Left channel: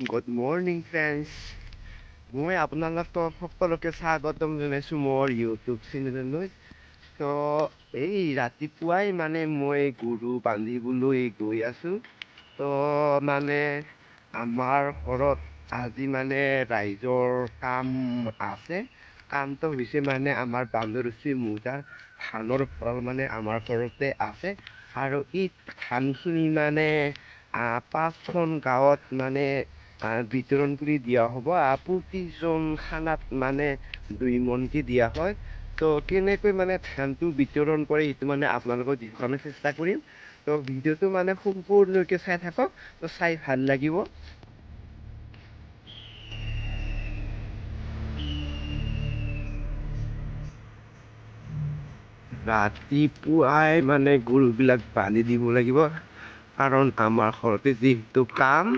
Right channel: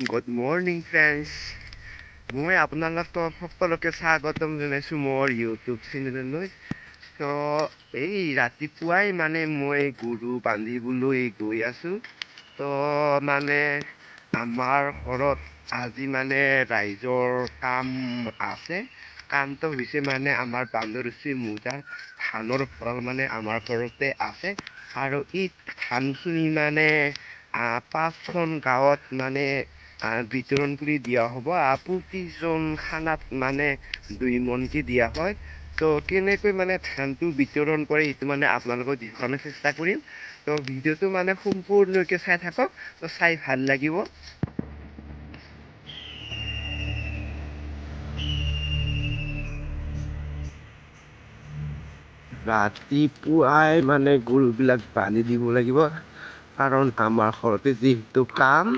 Good morning, friends. মই আপোনালোকক সকলোকে স্বাগতম জনাইছোঁ মোৰ ইউটিউব চেনেললৈ। এই ৰাতিপুৱাই মই গৰু বান্ধিবলৈ গৈ আছোঁ। মানে আমাৰ ঘৰত আজি ৰাইজৰ কাম আছে। কামটো হৈছে আমাৰ বান্দৰচি মোজাৰ ধানৰ ভঁৰাল আমাৰ ঘৰতে আছে। আৰু এই ধানখিনি 5খন গাঁৱত বিতৰণ কৰি দিয়া হ'ব। প্ৰতিজন খানাত 2 মোনকে দিয়া হয়। কেনেকৈ ধানটো বিতৰণ কৰে সেইটো আপোনালোকক দেখুৱাবলৈ চেষ্টা কৰিম। ভিডিঅ'টো সম্পূৰ্ণকৈ চাই থাকক। চাই ভাল লাগিব। ৰাতিপুৱাই গৰুবিলাক বান্ধি দিব লাগিব, কাৰণ আমাৰ ঘৰতে যিহেতু কাম।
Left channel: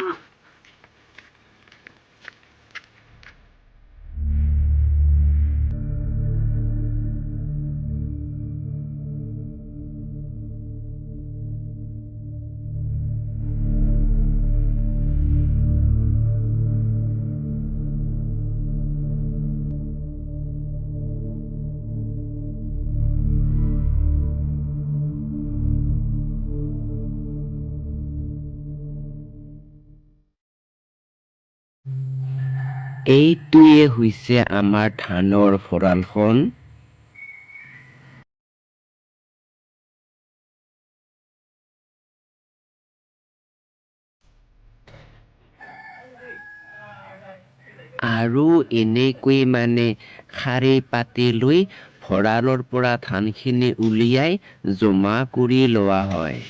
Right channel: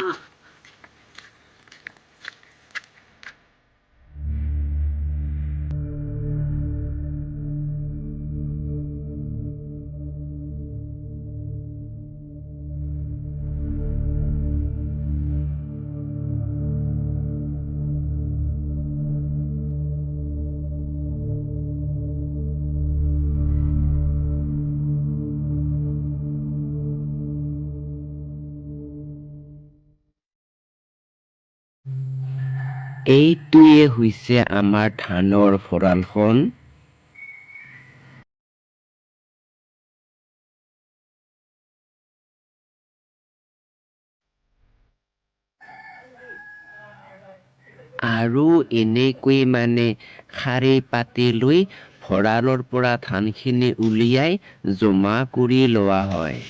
এইটোৱে হৈছে আমাৰ ধানৰ ভঁৰালখন। আৰু এনেকৈ শাৰী পাতি লৈ ভঁৰালৰ পৰা ধানখিনি উলিয়াই জমা কৰি লোৱা হয়।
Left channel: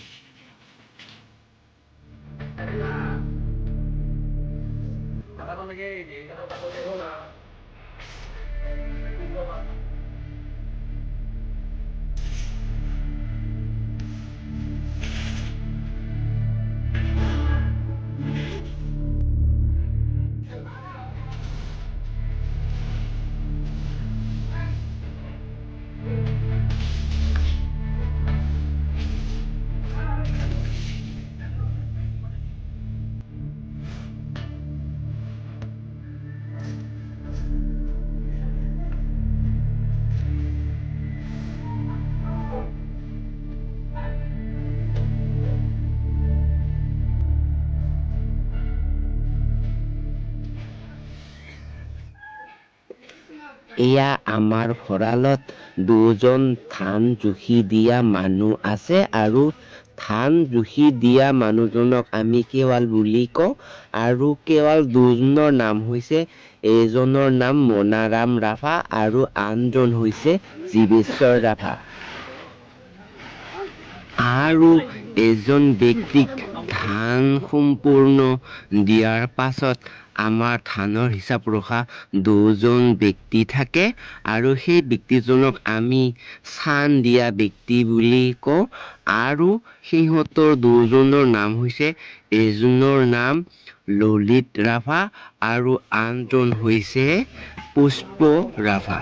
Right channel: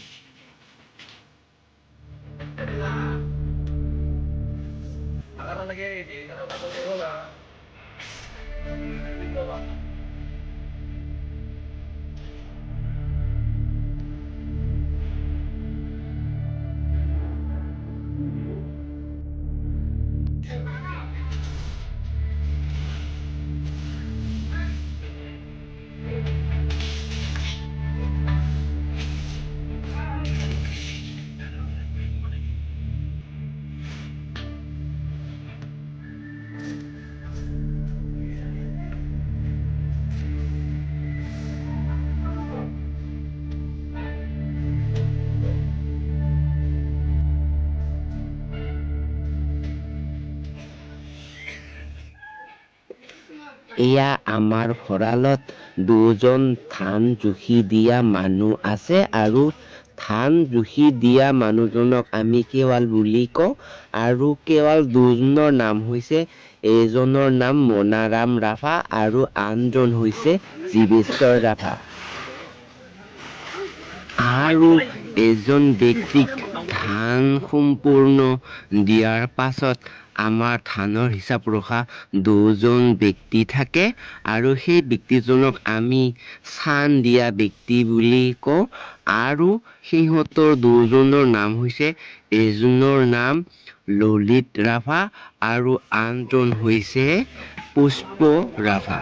এয়া আমাৰ ভঁৰালত 2জন ধান জুখি দিয়া মানুহ আছে, আৰু ধান জুখি দিয়া মানুহজনক আমি কেৱাল বুলি কওঁ। আৰু কেৱাল 2জনৰ নাম হৈছে, এজনৰ নাম মনাৰাম ৰাভা আৰু আনজন হৈছে জীৱেশ্বৰ ৰাভা। আৰু এজন ব্যক্তিক ধান সম্পূৰ্ণ দিয়াৰ পাছত আমাৰ ধানৰ হিচাপ ৰখা 2জন ব্যক্তি থাকে, আৰু সেই ব্যক্তিজনক আমি চান দিয়া ব্যক্তি বুলি কওঁ। আৰু সিহঁতৰ 2জনৰ নাম হৈছে, এজনৰ নাম ললিত ৰাভা আৰু আনজন হৈছে পুষ্প ৰাভা।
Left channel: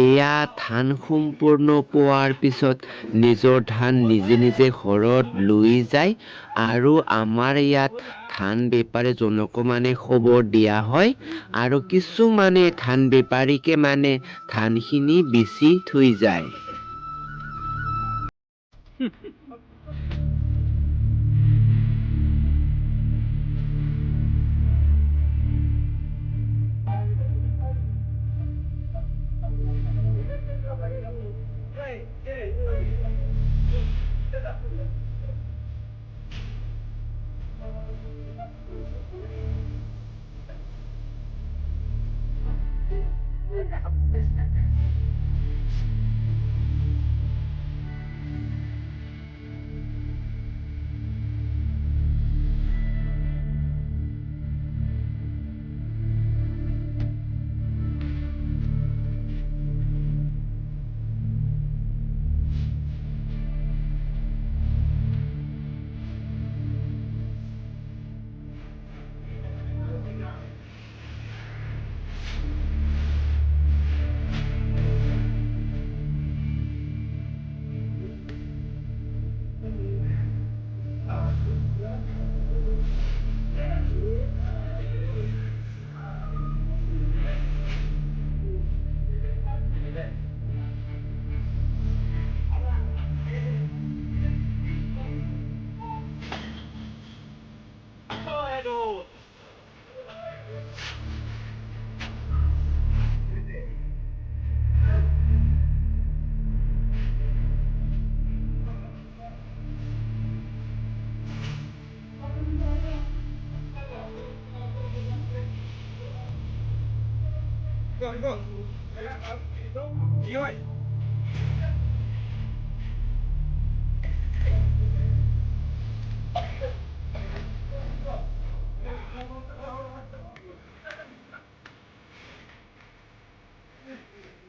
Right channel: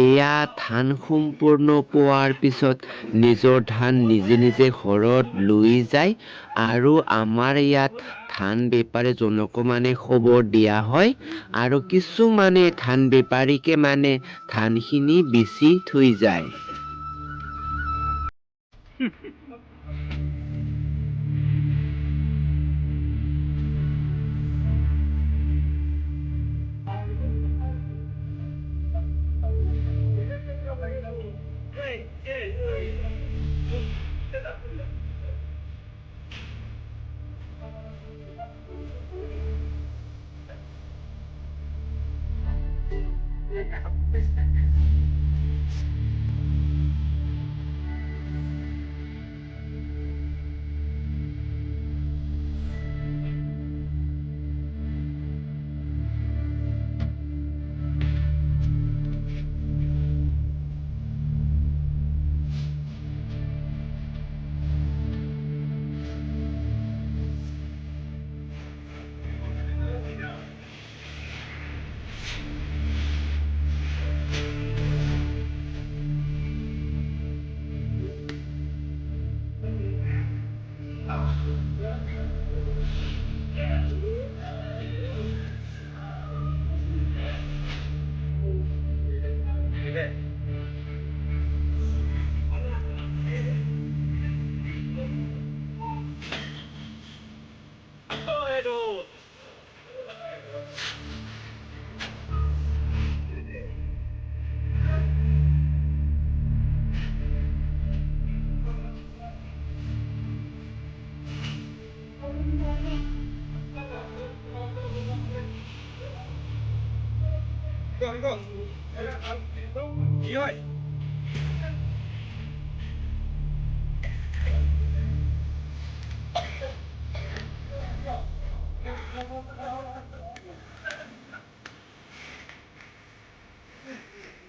এয়া ধান সম্পূৰ্ণ পোৱাৰ পিছত নিজৰ ধান নিজে নিজে ঘৰত লৈ যায় আৰু আমাৰ ইয়াত ধান বেপাৰীজনকো মানে খবৰ দিয়া হয় আৰু কিছুমানে ধান বেপাৰীকে মানে ধানখিনি বেচি থৈ যায়।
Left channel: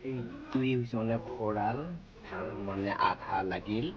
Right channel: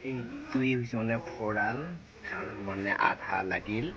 এইটোৱেই হৈছে মানে ভঁৰাল, ধান মানে আধা লাগিল।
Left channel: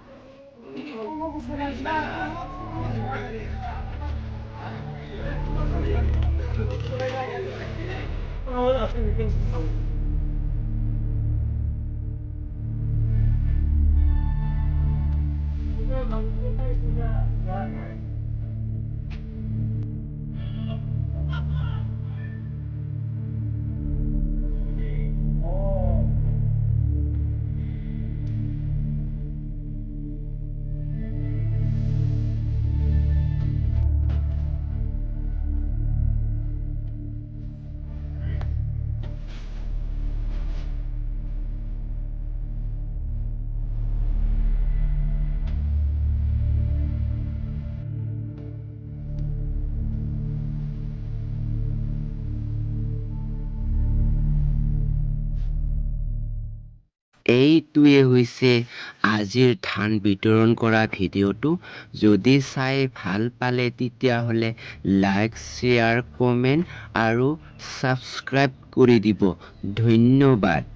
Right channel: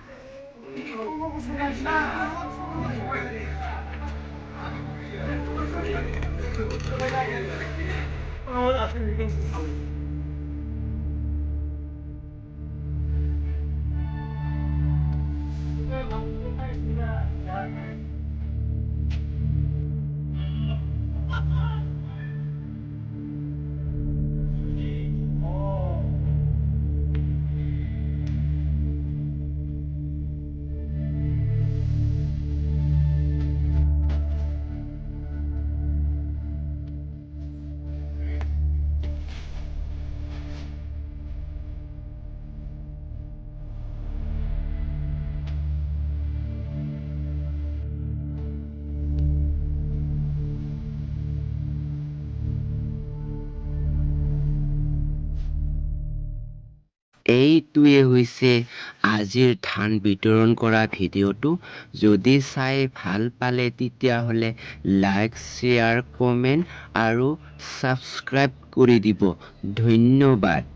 এইটোৱে হৈছে আজিৰ ধান বিতৰণ কৰা ভিডিঅ'টো। যদি চাই ভাল পালে তেতিয়াহ'লে লাইক, শ্বেয়াৰ, কমেণ্ট আৰু ছাবস্ক্ৰাইব কৰি দিব। ধন্যবাদ।